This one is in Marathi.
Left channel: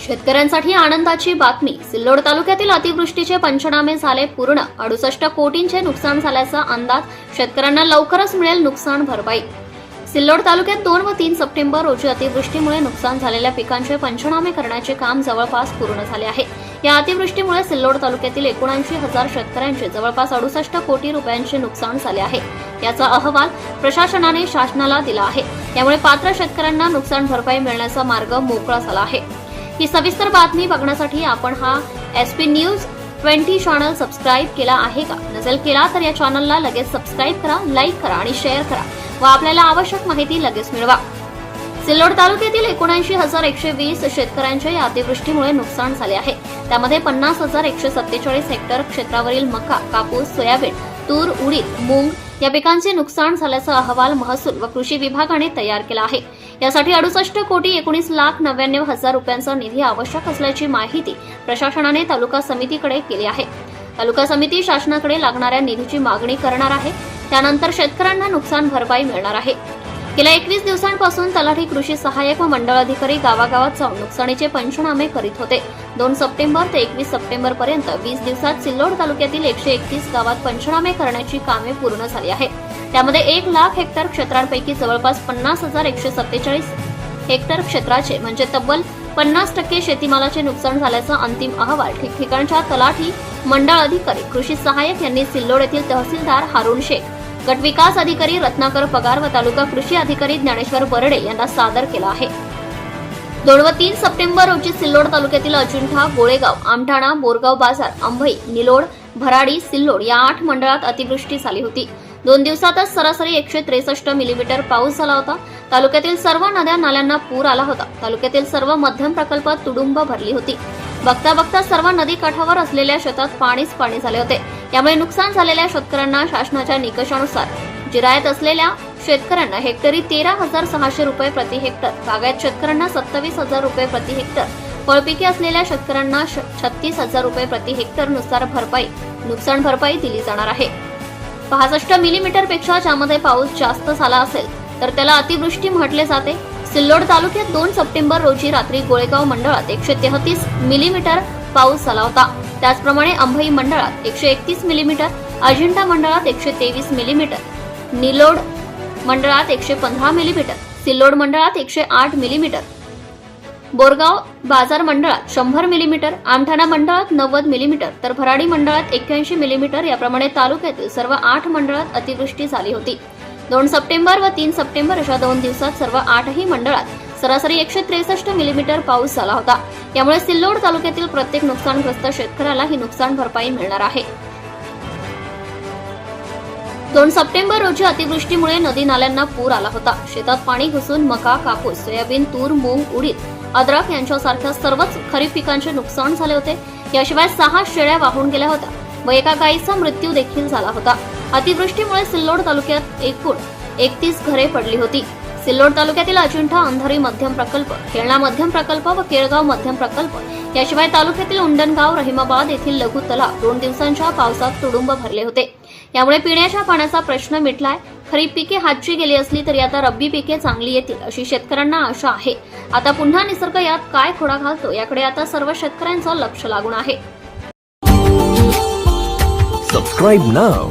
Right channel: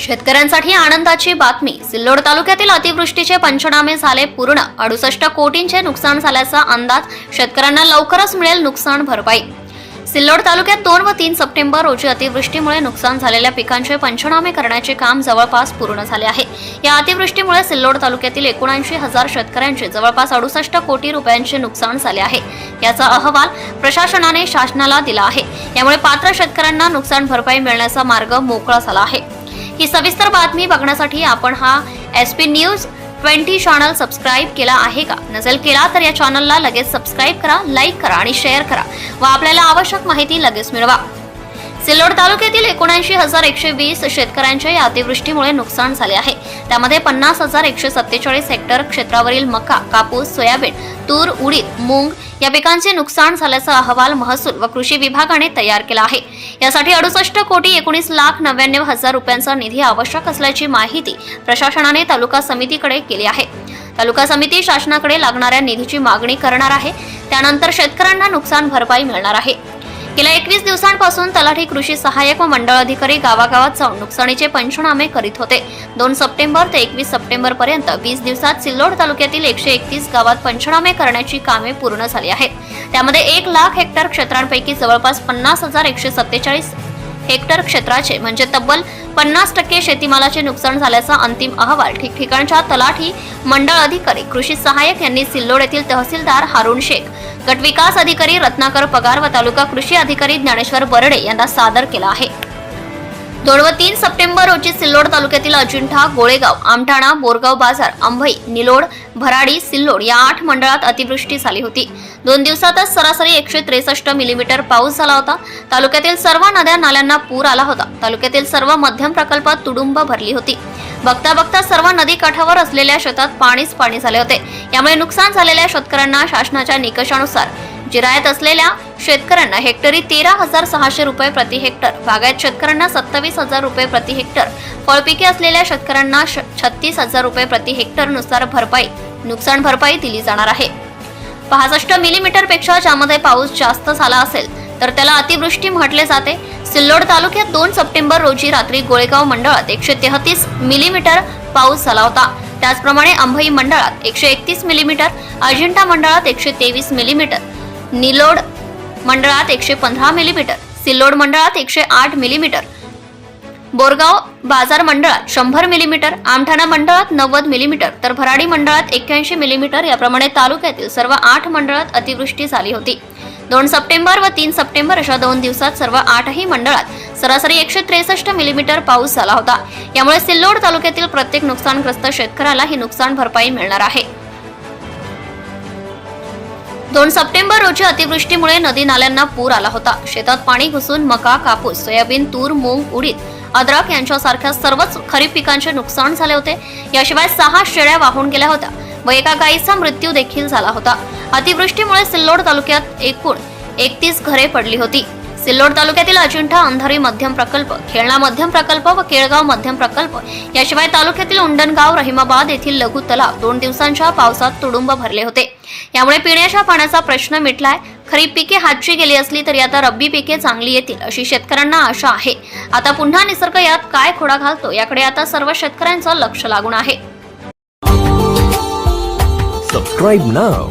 शेतकऱ्यांसाठी आनंदाची बातमी. सिल्लोड तालुक्यातील अतिवृष्टीचे पंचनामे झाले पूर्ण. अडुसष्ट कोटींचे नुकसान झाल्याचा अंदाज शेतकऱ्यांना लवकरच मिळेल नुकसान भरपाई. सिल्लोड तालुक्यात दोन व तीन सप्टेंबर रोजी अतिवृष्टीमुळे नुकसान झालेल्या पिकांचे पंचनामे करण्याचे काम जवळपास पूर्ण झाले आहे. या अतिवृष्टीमुळे सिल्लोड तालुक्यातील एकोणऐंशी हजार शेतकऱ्यांचे जवळपास अडुसष्ट कोटी रुपयांचे नुकसान झाले आहे. याचा अहवाल प्रशासनाने शासनाला दिला आहे. यामुळे पात्र शेतकऱ्यांना नुकसान भरपाई मिळण्याचा मार्ग मोकळा झाला आहे. ही सविस्तर बातमी बघण्यासाठी आपण हा S P news twenty channel subscribe केला आहे का? नसेल केला तर या चॅनलला लगेच सबस्क्राईब करा लाईक करा आणि शेअर करा व आपल्याला आवश्यक माहिती लगेच मिळवा. सिल्लोड तालुक्यातील एकोणऐंशी हजार एकशे वीस शेतकऱ्यांच्या या अतिवृष्टीमुळे नुकसान झाले आहे. त्यामध्ये पन्नास हजार एकशे सत्तेचाळीस हेक्टर क्षेत्रावरील मका कापूस सोयाबीन तूर उडीद मूग या पिकांचे नुकसान झाल्याचा अहवाल महसूल व कृषी विभागाने तयार केला आहे. यासाठी अडुसष्ट कोटी एकोणीस लाख नव्याण्णव हजार रुपयांचा निधी आवश्यक असल्याची माहिती प्रशासनाने तालुका समितीकडे केली आहे. तालुका समिती शासनाकडे लागणाऱ्या निधीची मागणी करणार आहे. त्यानंतर शेतकऱ्यांना नुकसान भरपाई मिळणार आहे. गेल्या एकवीस दिवसांपासून तलाठी कृषी सहाय्यक व मंडळ अधिकारी गावागावात जाऊन नुकसानीचे पंचनामे करीत होते. दोन सप्टेंबर ते एकवीस सप्टेंबर पर्यंत वीस दिवसात सिल्लोड तालुक्यातील एकशे एकतीस गावात पंचनामे करण्याची कामे पूर्ण झाली आहेत त्यामध्ये एक लाख हेक्टर क्षेत्रांपैकी जवळपास पन्नास हजार एकशे सत्तेचाळीस हेक्टर क्षेत्राचे म्हणजे तब्बल पन्नास टक्के शेतीमालाचे नुकसान झाल्याचा अंतिम अहवाल ठिकठिकाणच्या तलाठी मंडळ अधिकारी कृषी सहाय्यक यांनी सिल्लोड येथील तहसीलदार हारुण शेख गट विकास अधिकारी रत्नाकर पगार व तालुका कृषी अधिकारी ज्ञानेश्वर बर्डे यांना सादर केला आहे. दोन व तीन सप्टेंबर रोजी सिल्लोड तालुक्यातील अजिंठा गोळेगाव आमठाणा बोरगाव बाजार अंभई निलोड भराडी सिल्लोड या आठ मंडळात अतिवृष्टी झाली होती. दोन दिवसातच सरासरी एकशे त्रेसष्ट मिलीमीटर पाऊस झाला होता. तालुक्यातील सर्व नद्या नाल्यांना पूर आला होता. तालुक्यातील सर्व मध्यम प्रकल्पात तुडुंब भरली होती. बघता बघता सर्व नदी काठावर असलेल्या शेतात पाणीच पाणी झाले होते. यामुळे नुकसान झालेल्या शेतकऱ्यांना शासनाच्या निकषानुसार जिरायत असलेल्या शेतकऱ्यांना हेक्टरी तेरा हजार सहाशे रुपये प्रति हेक्टर बागायत शेतकऱ्यांना सत्तावीस हजार रुपये प्रति हेक्टर फळपिके असलेल्या शेतकऱ्यांना छत्तीस हजार रुपये प्रति हेक्टरनुसार भरपाई नुकसान भरपाई दिली जाणार आहे. पासष्ट मिलीमीटरपेक्षा ज्यामध्ये पाऊस जास्त झाला असेल तर त्याला अतिवृष्टी म्हटले जाते. सिल्लोड तालुक्यात दोन सप्टेंबर रोजी रात्री गोळेगाव मंडळात एकशे तेहतीस मिलीमीटर पाऊस झाला होता. त्याचप्रमाणे अंभई मंडळात एकशे एकतीस मिलीमीटर अजिंठा मंडळात एकशे तेवीस मिलीमीटर निलोड मंडळात एकशे पंधरा मिलीमीटर सिल्लोड मंडळात एकशे आठ मिलीमीटर बोरगाव बाजार मंडळात शंभर मिलीमीटर आमठाणा मंडळात नव्वद मिलीमीटर तर भराडी मंडळात एक्क्याऐंशी मिलीमीटर. याप्रमाणे तालुक्यातील सर्व आठ मंडळात अतिवृष्टी झाली होती. दोन सप्टेंबर व तीन सप्टेंबर अशा दोन दिवसात सर्व आठही मंडळात सरासरी एकशे त्रेसष्ट मिलीमीटर पाऊस झाला होता. यामुळे सिल्लोड तालुक्यातील प्रत्येक नुकसानग्रस्त शेतकऱ्याला ही नुकसान भरपाई मिळणार आहे. दोन सप्टेंबर रोजी अतिवृष्टीमुळे नदी नाल्यांना पूर आला होता. शेतात पाणी घुसून मका कापूस सोयाबीन तूर मूग उडीद अद्रक यांच्यासारख्या सर्वच खरीप पिकांचे नुकसान झाले होते. याशिवाय सहा शेळ्या वाहून गेल्या होत्या व एका गायीचा मृत्यू देखील झाला होता. अतिवृष्टीमुळे सिल्लोड तालुक्यात एकूण एकतीस घरे पडली होती. सिल्लोड तालुक्यातील अजिंठा अंधारी मध्यम प्रकल्प खेळणा मध्यम प्रकल्प व केळगाव मध्यम प्रकल्प याशिवाय तालुक्यातील उंडणगाव रहिमाबाद येथील लघु तलाव दोन दिवसांच्या पावसात तुडुंब भरले होते. यामुळे पिण्याच्या पाण्याचा प्रश्न मिटलाय. खरीप पिके हातची गेली असली तरी आता रब्बी पिके चांगली येतील अशी शेतकऱ्यांना आशा आहे. आता पुन्हा निसर्ग यात काय खोडा घालतो याकडे आता सर्व शेतकऱ्यांचं लक्ष लागून आहे. Subscribe now